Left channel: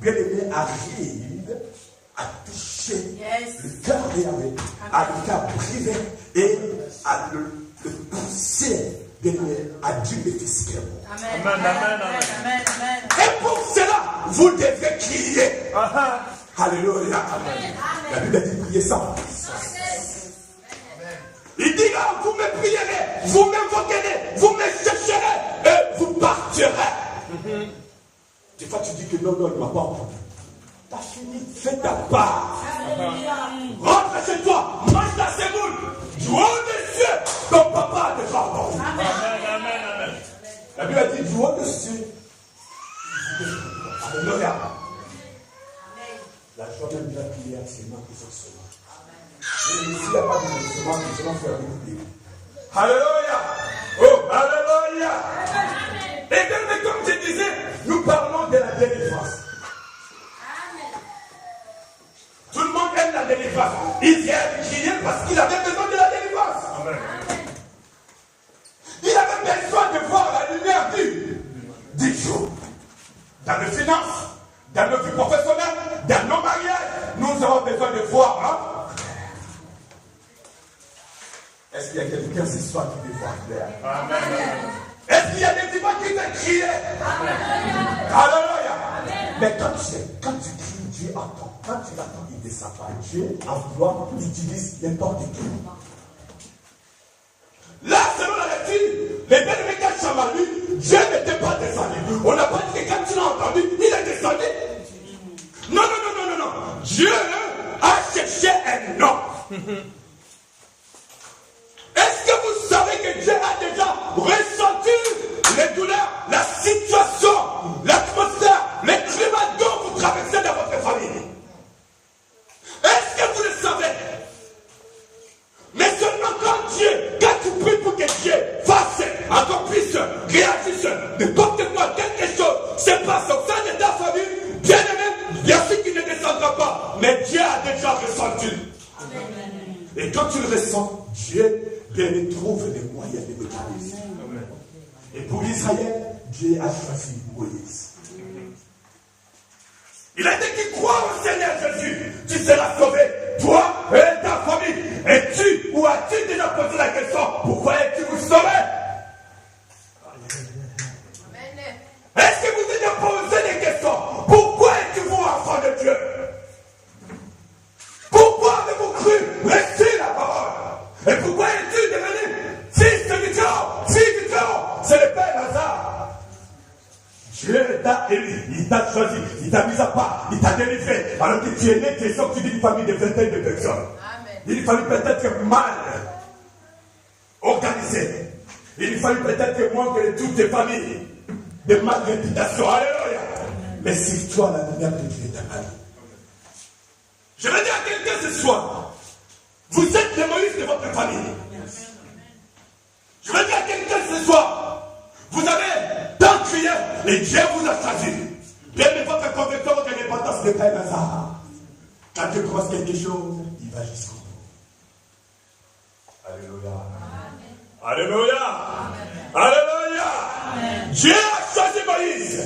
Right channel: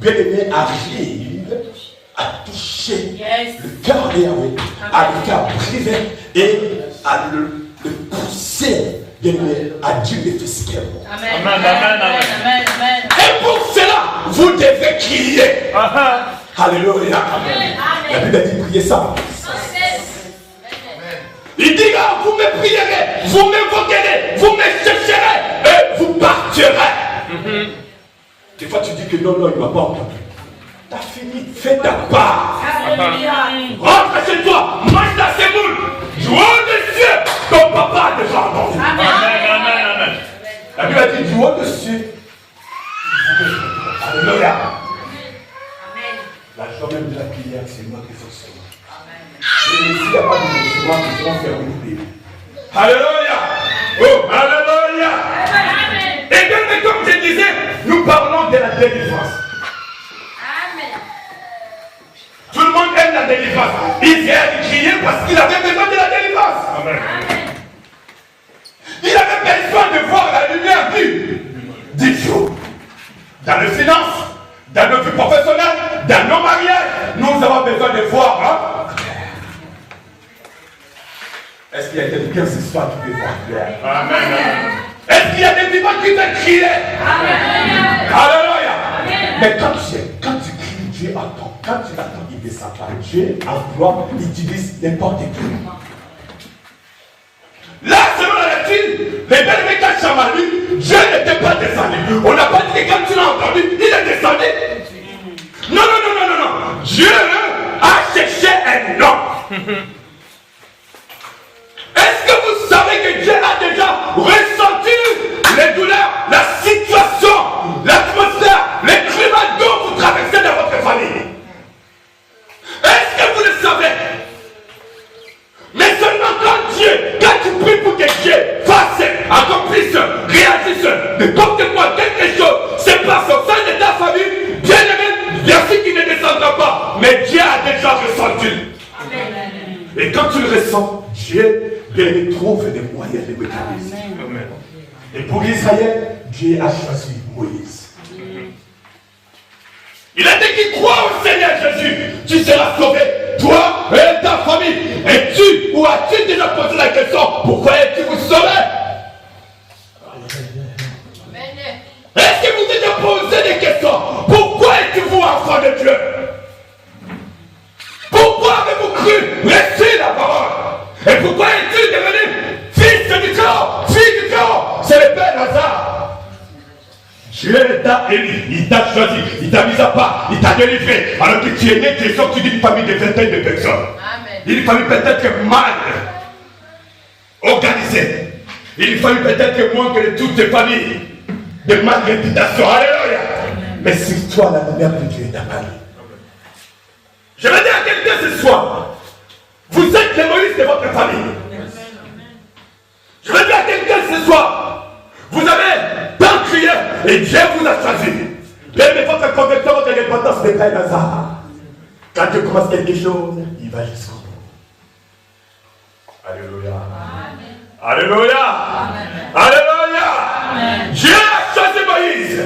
bien-aimé, arrive à toucher le cœur de Yahweh, à le faire briser et à le pousser, bien-aimé, à dire les fils qu'elle est. Amen. Et pour cela, vous devez crier. Alléluia. La Bible dit prier ça. Il dit là, vous me prierez, vous m'invoquerez, vous me chercherez et vous partirez. Des fois tu dis que non, il ne m'a pas entendu. T'as fini, fais ta part. Rentre chez toi, mange ta sémoule. Du haut des cieux, ton papa a déjà entendu. Amen. La Bible dit du haut des cieux. Alléluia. La joie même de la prière, c'est moi qui fonctionne. Et s'il n'y a pas de recevoir, nous serons faire une prière. Alléluia. Oh, alléluia. Et bien, mais comme je disais, nous parlons de la délivrance. Tout le monde aime la délivrance. Israël criait parce qu'il avait besoin de la délivrance. Amen. Il avait besoin de voir la lumière du jour. Dans les finances, dans notre vie professionnelle, dans nos mariages, nous avons besoin de voir. Est-ce qu'il y a quelqu'un ce soir qui peut voir clair? Amen. Est-ce qu'il y a des vivants qui veulent crier? Alléluia. Mais quand tu cries, Dieu attend. Quand tu l'attends, il descend pas. Dieu emploie, il utilise n'importe qui. Là, selon la lecture, les belles quand Chamali, Dieu n'était pas descendu. On n'a pas dit que quand tu l'as entendu, il est descendu. Non. Dieu a cherché un homme. Est-ce que vous savez que Dieu a déjà ressenti les douleurs, la situation, l'atmosphère, le climat dont vous traversez dans votre famille? Est-ce que vous le savez? Mais seulement quand tu pries pour que Dieu fasse, accomplisse, réagisse, n'importe quoi, quelque chose se passe au sein de ta famille, bien aimé, bien sûr qu'il ne descendra pas, mais Dieu a déjà ressenti. Et quand tu le ressens, Dieu trouve des moyens de mécanismes. Et pour Israël, Dieu a choisi Moïse. Il a dit qu'il croit au Seigneur Jésus, tu seras sauvé, toi et ta famille. Et tu, ou as-tu déjà posé la question, pourquoi es-tu vous sauvé? Est-ce que vous avez posé des questions? Pourquoi êtes-vous enfant de Dieu? Pourquoi avez-vous cru réussir la parole? Et pourquoi es-tu devenu fils du Très-Haut? Fils du Très-Haut, c'est le Père Lazare. Dieu t'a élu, il t'a choisi, il t'a mis à part, il t'a délivré. Alors que tu es né, tu es sorti d'une famille de vingtaine de personnes. Amen. Une famille peut-être mal organisée. Une famille peut-être moins que de toutes les familles de mal réputation. Alléluia. Mais c'est toi la lumière de Dieu t'a parlé. Je vais dire à quelqu'un ce soir, vous êtes les Moïse de votre famille. Je vais dire à quelqu'un ce soir, vous avez tant crié et Dieu vous a choisi. Bien, mais votre conversion, votre indépendance n'est pas un hasard. Quand Dieu commence quelque chose, il va jusqu'au bout. Alléluia. Amen. Alléluia. Amen. Alléluia. Amen. Dieu a choisi Moïse.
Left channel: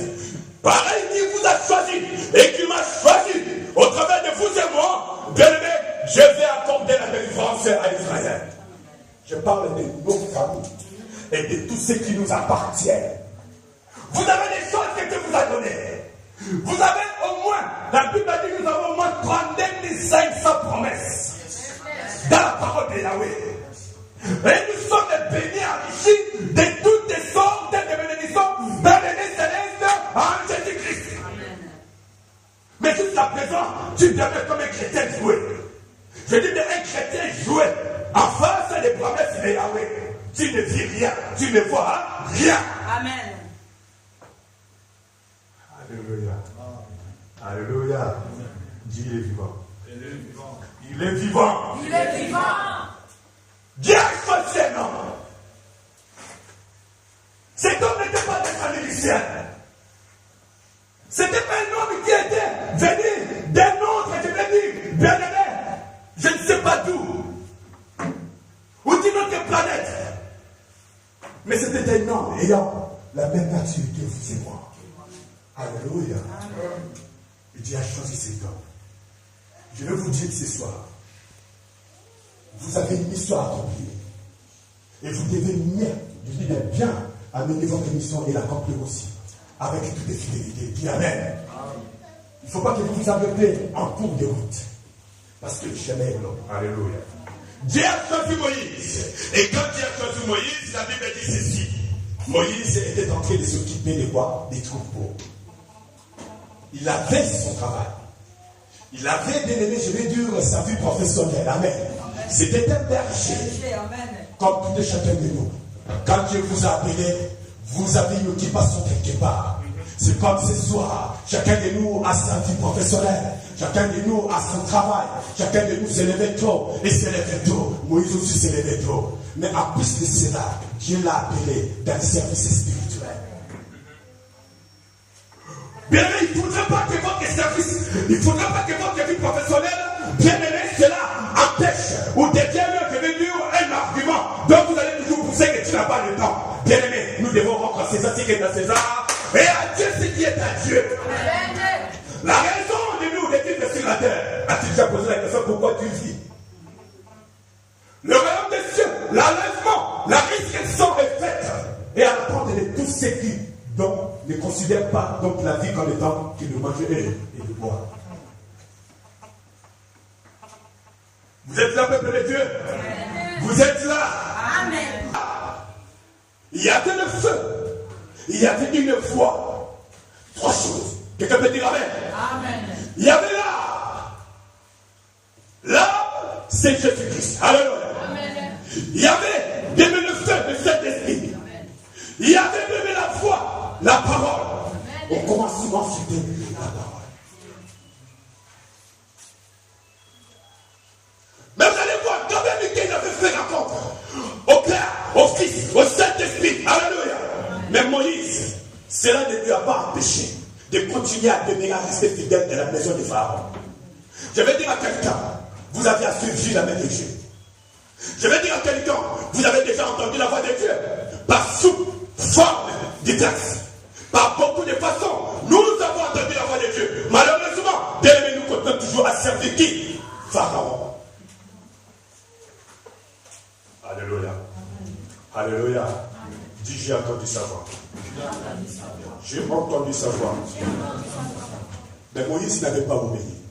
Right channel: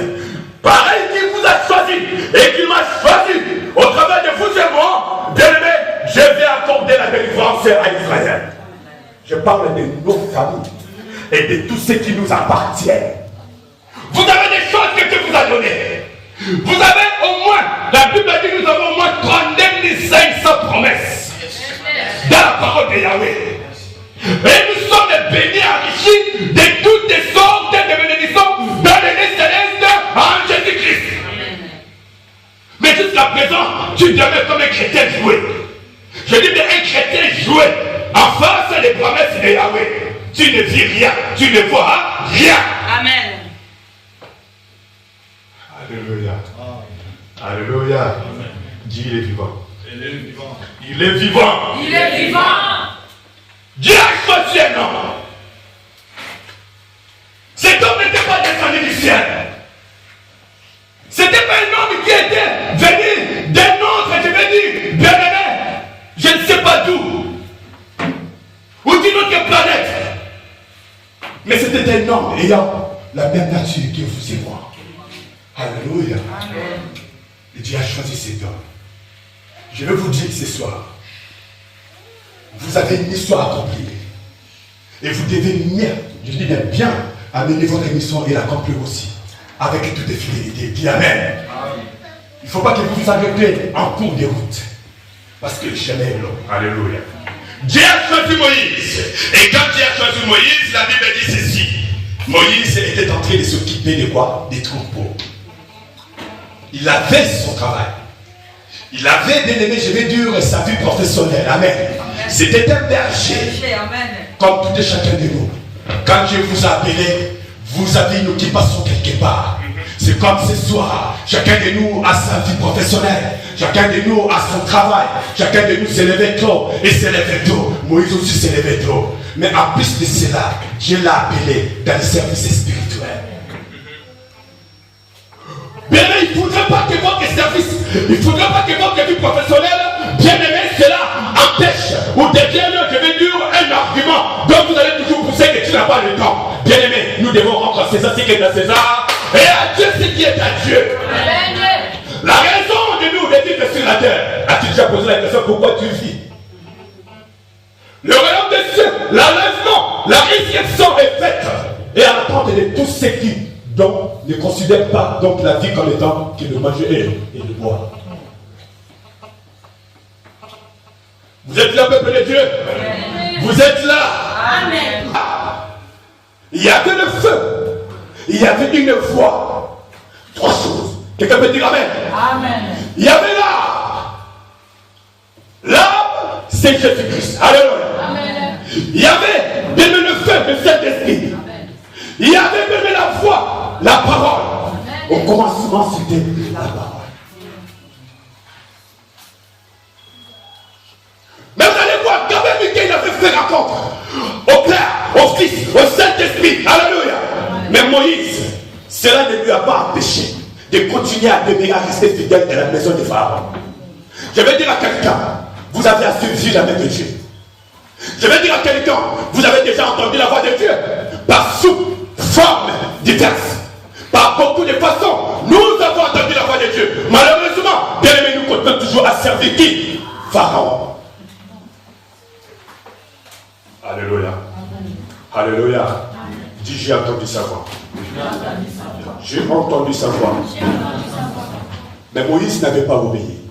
Pareil qu'il vous a choisi et qu'il m'a choisi au travers de vous et moi. Bien aimé, je vais accorder la délivrance à Israël. Je parle de nos familles et de tout ce qui nous appartient. Vous avez des choses que Dieu vous a données. Vous avez au moins, la Bible dit que nous avons au moins 32 500 promesses dans la parole de Yahweh. Et nous sommes bénis, enrichis de toutes les sortes de bénédictions dans les célestes en Jésus-Christ. Mais jusqu'à présent, tu demeures comme un chrétien joué. Je dis bien un chrétien joué en face des promesses de Yahweh. Tu ne vis rien, tu ne vois rien. Amen. Alléluia. Alléluia. Dieu il est vivant. Il est vivant. Il est vivant. Il est vivant. Dieu a choisi un homme. Cet homme n'était pas descendu du ciel. C'était pas un homme qui était venu d'un autre, je vais dire, bien aimé, je ne sais pas d'où, ou d'une autre planète. Mais c'était un homme ayant la même nature que vous et moi. Alléluia. Amen. Et Dieu a choisi cet homme. Je vais vous dire ce soir, vous avez une histoire à accomplir. Et vous devez bien amener votre mission et l'accomplir aussi. Avec toute fidélité. Dis Amen. Il ne faut pas que vous vous arrêtez en cours de route. Parce que le chemin est long. Alléluia. Dieu a choisi Moïse. Et quand Dieu a choisi Moïse, la Bible dit ceci. Moïse était en train de s'occuper de quoi? Des troupeaux. Il avait son travail. Il avait, bien aimé, je vais dire, sa vie professionnelle. Amen. C'était un berger. Comme tout et chacun de nous. Quand Dieu vous a appelé, vous avez une occupation quelque part. C'est comme ce soir, chacun de nous a sa vie professionnelle, chacun de nous a son travail, chacun de nous s'est levé tôt et s'est levé tôt. Moïse aussi s'est levé tôt. Mais en plus de cela, Dieu l'a appelé dans le service spirituel. Bien aimé, il ne faudrait pas que votre service, il ne faudrait pas que votre vie professionnelle, bien aimé, cela empêche ou devienne, je vais dire, un argument. Donc vous allez toujours pousser que tu n'as pas le temps. Bien aimé, nous devons rendre à César ce qui est à César et à Dieu ce qui est à Dieu. La raison de nous de vivre sur la terre. As-tu déjà posé la question pourquoi tu vis? Le royaume des cieux, l'enlèvement, la résurrection est faite. Et à l'attente de tous ceux qui donc ne considèrent pas donc la vie comme étant que de manger et de boire. Vous êtes là, peuple de Dieu? Vous êtes là? Amen. Il y avait le feu. Il y avait une voix. Trois choses. Quelqu'un peut dire Amen. Amen. Il y avait l'âme. L'âme, c'est Jésus-Christ. Alléluia. Amen. Il y avait même le feu, le Saint-Esprit. Il y avait même la voix, la parole. Amen. Au commencement, c'était la parole. Mais vous allez voir, quand même, il avait fait rencontre au Père, au Fils, au Saint-Esprit. Alléluia. Mais Moïse, cela ne lui a pas empêché de continuer à demeurer, à rester fidèle à la maison de Pharaon. Je vais dire à quelqu'un, vous avez assez vu la main de Dieu. Je vais dire à quelqu'un, vous avez déjà entendu la voix de Dieu par sous forme diverses, par beaucoup de façons. Nous avons entendu la voix de Dieu. Malheureusement, bien aimé, nous continuons toujours à servir qui? Pharaon. Alléluia. Alléluia. Dis, j'ai entendu sa voix. J'ai entendu sa voix. Mais Moïse n'avait pas obéi.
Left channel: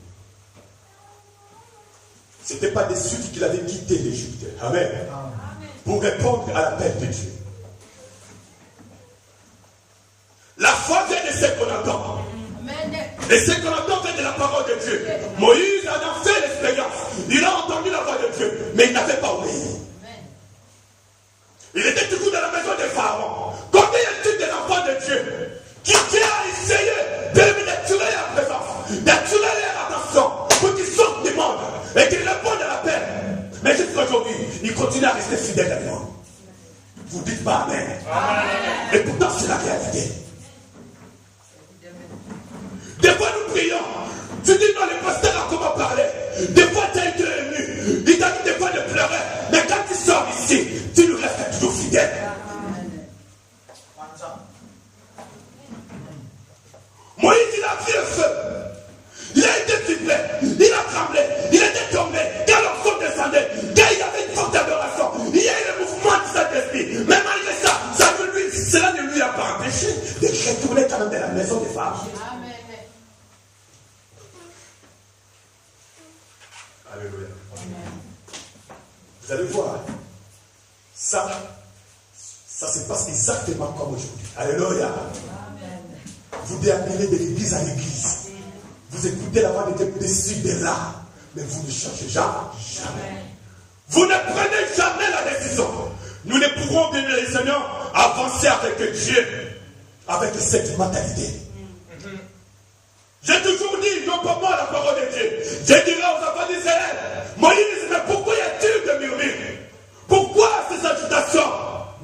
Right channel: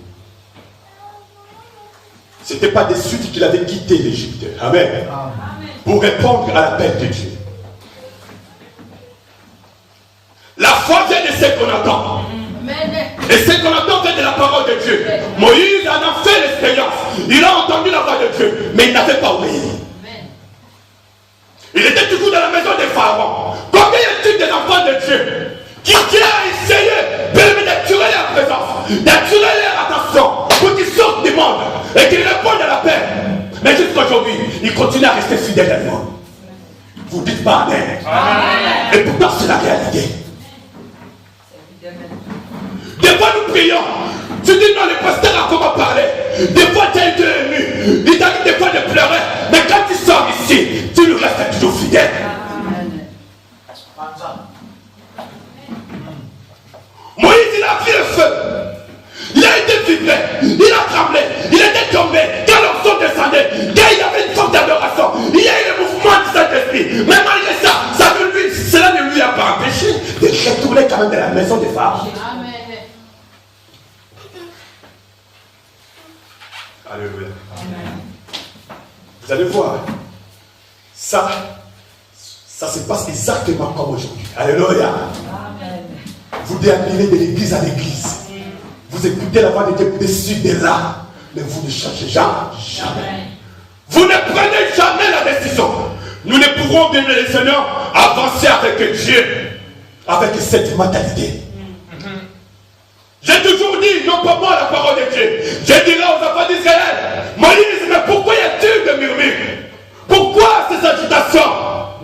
Ce n'était pas de suite qu'il avait quitté l'Égypte. Amen. Pour répondre à l'appel de Dieu. La foi vient de ce qu'on entend. Et ce qu'on entend vient de la parole de Dieu. Moïse en a fait l'expérience. Il a entendu la voix de Dieu. Mais il n'avait pas obéi. Il était toujours dans la maison de Pharaon. Combien y a-t-il des enfants de Dieu qui Dieu a essayé d'attirer leur présence, d'attirer leur attention pour qu'ils sortent du monde et qu'ils répondent à la paix. Mais jusqu'aujourd'hui, ils continuent à rester fidèles à nous. Vous ne dites pas Amen. Amen. Et pourtant, c'est la réalité. Des fois, nous prions. Tu dis non, le pasteur a comment parler. Des fois, tu as été ému. Il t'arrive des fois de pleurer. Mais quand tu sors ici, tu nous restes toujours fidèle. Moïse, il a pris le feu. Il a été vibré. Il a tremblé. Il était tombé. Quand l'onction descendait, quand il y avait une forme d'adoration, il y a eu le mouvement du Saint-Esprit. Mais malgré ça, cela ne lui a pas empêché de retourner quand même dans la maison des Pharaons. Alléluia. Vous allez voir, ça se passe exactement comme aujourd'hui. Alléluia. Vous déambulez de l'église à l'église. Vous écoutez la voix de Dieu dessus de là, mais vous ne changez jamais. Vous ne prenez jamais la décision. Nous ne pourrons, bien les Seigneurs, avancer avec Dieu, avec cette mentalité. J'ai toujours dit, non pas moi la parole de Dieu. Je dirai aux enfants d'Israël, Moïse, mais pourquoi y a-t-il de murmures? Pourquoi ces agitations?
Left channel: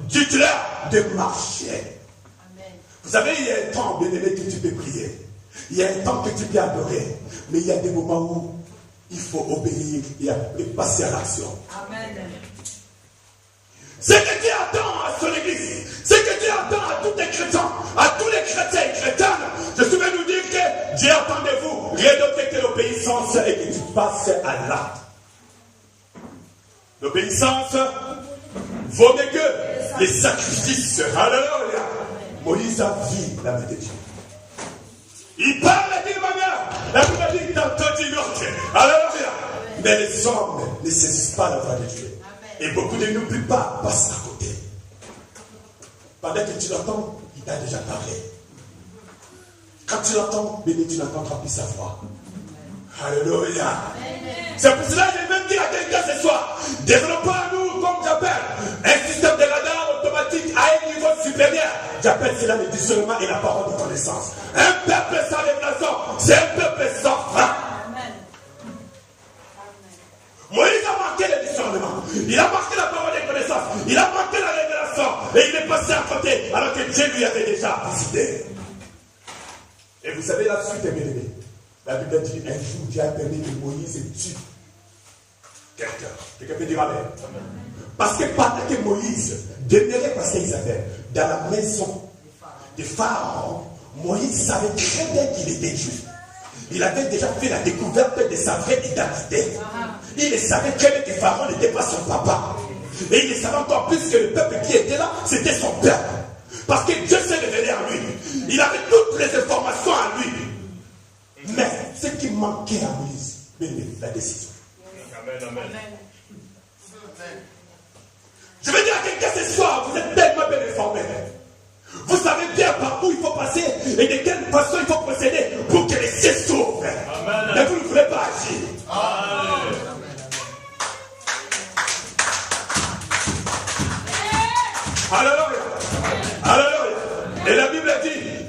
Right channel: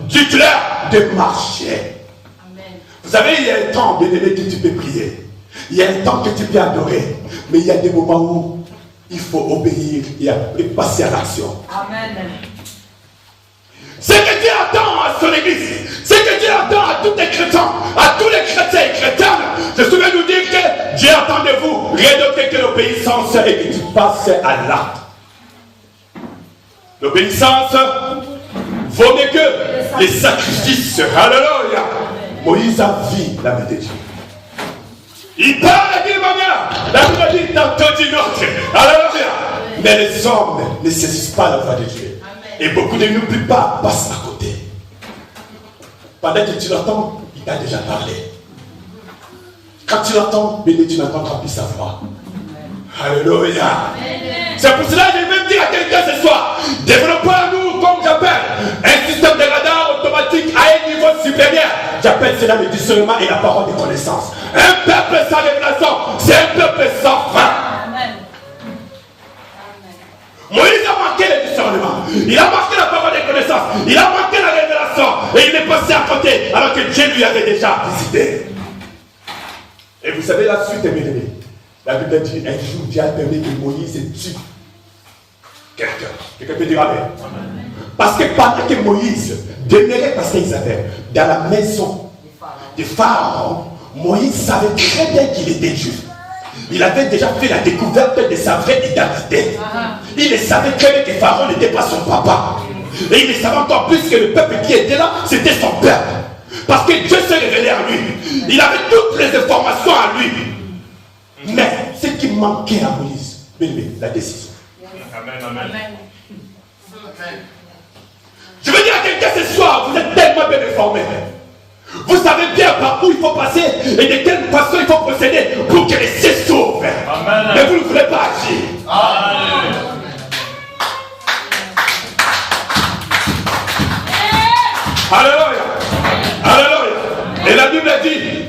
Dites-leur de marcher. Amen. Vous savez, il y a un temps, bien aimé, que tu peux prier. Il y a un temps que tu peux adorer. Mais il y a des moments où il faut obéir et passer à l'action. Amen. Ce que Dieu attend à son église, ce que Dieu attend à tous les chrétiens, à tous les chrétiens et chrétiennes, je souviens nous dire que Dieu attend de vous Rien d'autre que l'obéissance et que tu passes à l'acte. L'obéissance vaut mieux que les sacrifices. Alléluia. Moïse a vu la main de Dieu. Il parle d'une manière, la Bible dit tantôt d'une autre. Alléluia. Mais les hommes ne saisissent pas la voix de Dieu. Et beaucoup de nous plus pas passent à côté. Pendant que tu l'entends, il t'a déjà parlé. Quand tu l'entends, bébé, tu n'entendras plus sa voix. Alléluia. C'est pour cela que je vais dire à quelqu'un ce soir, développons-nous, comme j'appelle, un système de radar automatique à un niveau supérieur. J'appelle cela le discernement et la parole de connaissance. Un peuple sans révélation, c'est un peuple sans fin. Amen. Moïse a manqué le discernement. Il a manqué la parole de connaissance. Il a manqué la révélation. Et il est passé à côté alors que Dieu lui avait déjà visité. Et vous savez la suite, mes amis. La Bible dit un jour Dieu a permis que Moïse tue quelqu'un. Quelqu'un peut dire amen. Parce que pendant que Moïse demeurait, parce qu'ils avaient dans la maison du Pharaon, Moïse savait très bien qu'il était juste. Il avait déjà fait la découverte de sa vraie identité. Il savait très bien que Pharaon n'était pas son papa. Et il savait encore plus que le peuple qui était là, c'était son peuple. Parce que Dieu s'est révélé à lui. Il avait toutes les informations à lui. Mais ce qui manquait à Moïse, la décision. Amen. Je veux dire à quelqu'un ce soir, vous êtes tellement bien informés. Vous savez bien par où il faut passer et de quelle façon il faut procéder pour que les cieux s'ouvrent. Mais vous ne voulez pas agir. Amen. Alléluia. Alléluia. Et la Bible dit,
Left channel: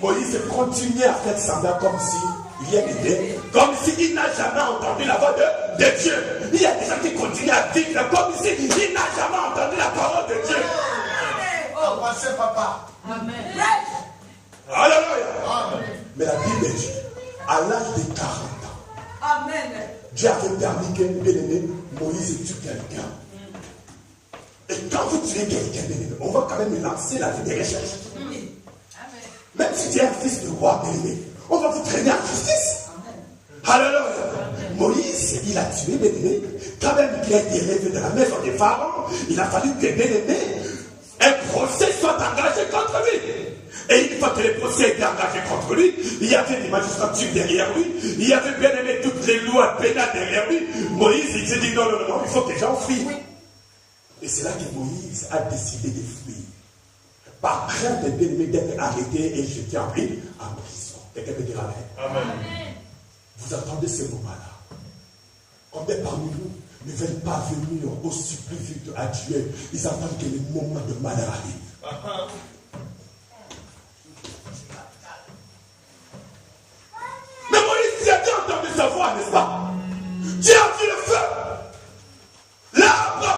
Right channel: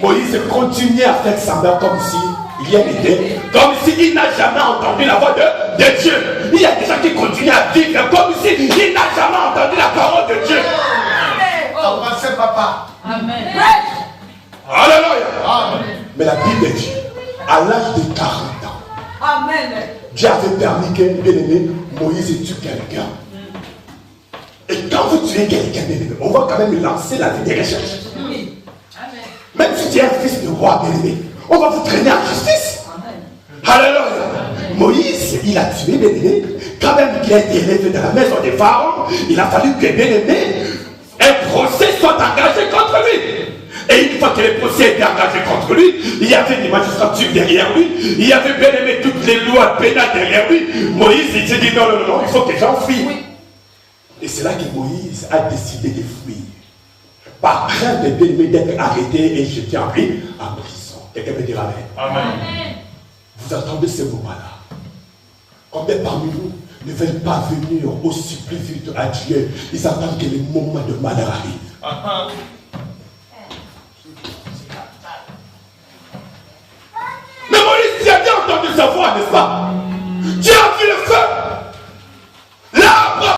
Moïse continuait à faire semblant comme si rien n'était, comme s'il n'a jamais entendu la voix de Dieu. Il y a des gens qui continuent à vivre comme s'il n'a jamais entendu la parole de Dieu. Amen. Papa. Amen. Alléluia. Amen. Mais la Bible dit, à l'âge de 40 ans, Amen. Dieu avait permis que bien-aimé Moïse tue quelqu'un. Et quand vous tuez quelqu'un, bien-aimé, on va quand même lancer la vie des recherches. Même si tu es un fils de roi, bien-aimé, on va vous traîner en justice. Amen. Alléluia. Moïse, il a tué bien-aimé. Quand même qu'il a été élevé dans la maison des pharaons, il a fallu que bien-aimé, un procès soit engagé contre lui. Et une fois que le procès était engagé contre lui, il y avait des magistrats derrière lui, il y avait bien aimé toutes les lois pénales derrière lui. Moïse, il s'est dit non, il faut que j'enfuis. Et c'est là que Moïse a décidé de fuir. Par crainte de bien aimé d'être arrêté et jeté en prison. Quelqu'un me dira amen. Amen. Vous entendez ce moment-là? Combien parmi nous ne veulent pas venir aussi plus vite à Dieu? Ils attendent que le moment de malheur arrive. Mais Moïse, tu as bien entendu sa voix, n'est-ce pas?